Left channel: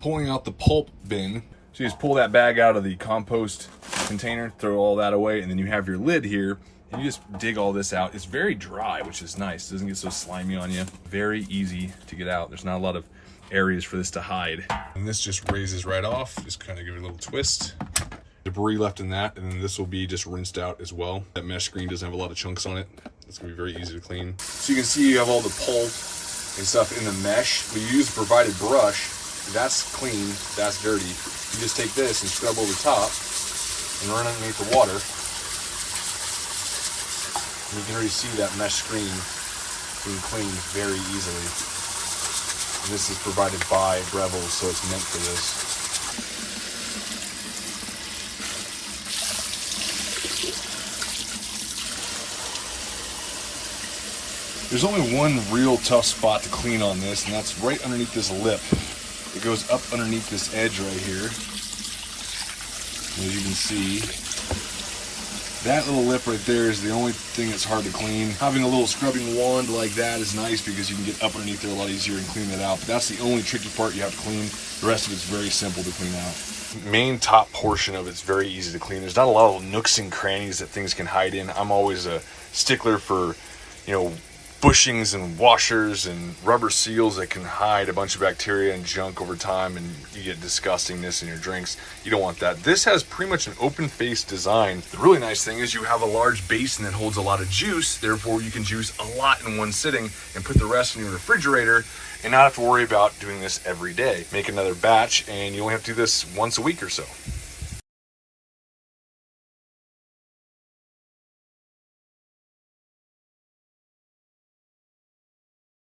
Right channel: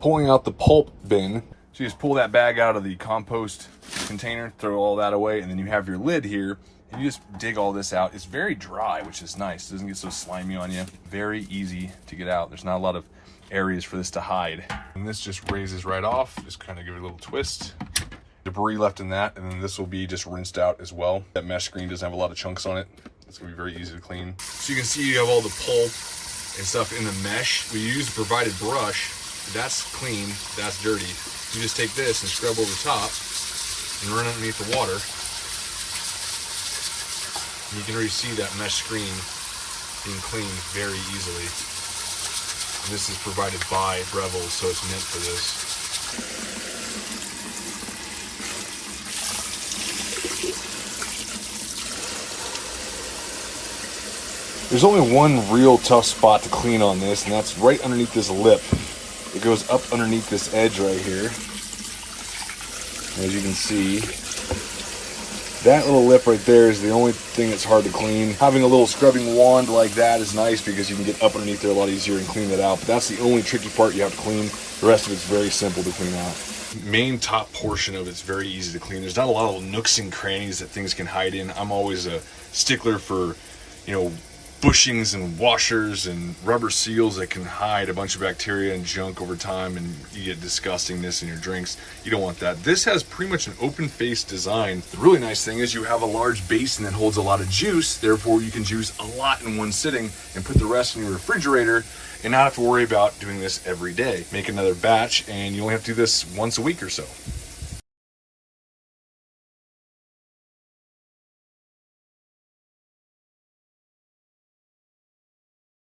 pulling out the pulp bin. So you just pull that bag out of the compost container, throw all that away, and then you have your lid here, and you just dig all this out. It's very dry, which is nice. It doesn't get so slimy on you. Very easy to get out. There's not a lot of areas for this to hide. And this just raises right off. Just kind of give it a little twist. Debris left in that, and then this will be just rinsed out as well. That mesh screen doesn't have a lot of chunks on it. It's gonna be very easy to clean. So you can see you have all the pulp and stuff in the mesh. We use a provided brush. That's clean, that's dirty. You just take this and scrub over top and run underneath the water. And you can already see that mesh screen being cleaned very easily. And this is provided by Breville, so it's meant for this. There's only one real tough spot to clean on this, and that's right underneath this lip. It goes up underneath this edge right here. As you can see, that little lip right there is the only thing that's hard to clean. Having a little scrubbing wand like that is nice because you can get up underneath there a lot easier and clean that out. But that's the only tricky part you have to clean. The rest of it's very simple to clean out. Main top portion of it's very easy to clean. There's not a lot of nooks and crannies that things can hide in. I'm always a stickler for, bushings and washers and rubber seals that can hide a bunch of bacteria and junk over time, and you get disgustingness in your drinks. You don't want that. This has pretty much an open face design. The really nice thing is you have a large basin that holds a lot of juice, therefore you can juice a lot in one sitting and put the rest in your refrigerator and not have to worry about doing this every day. Make another batch and you only have to do this once a week or so.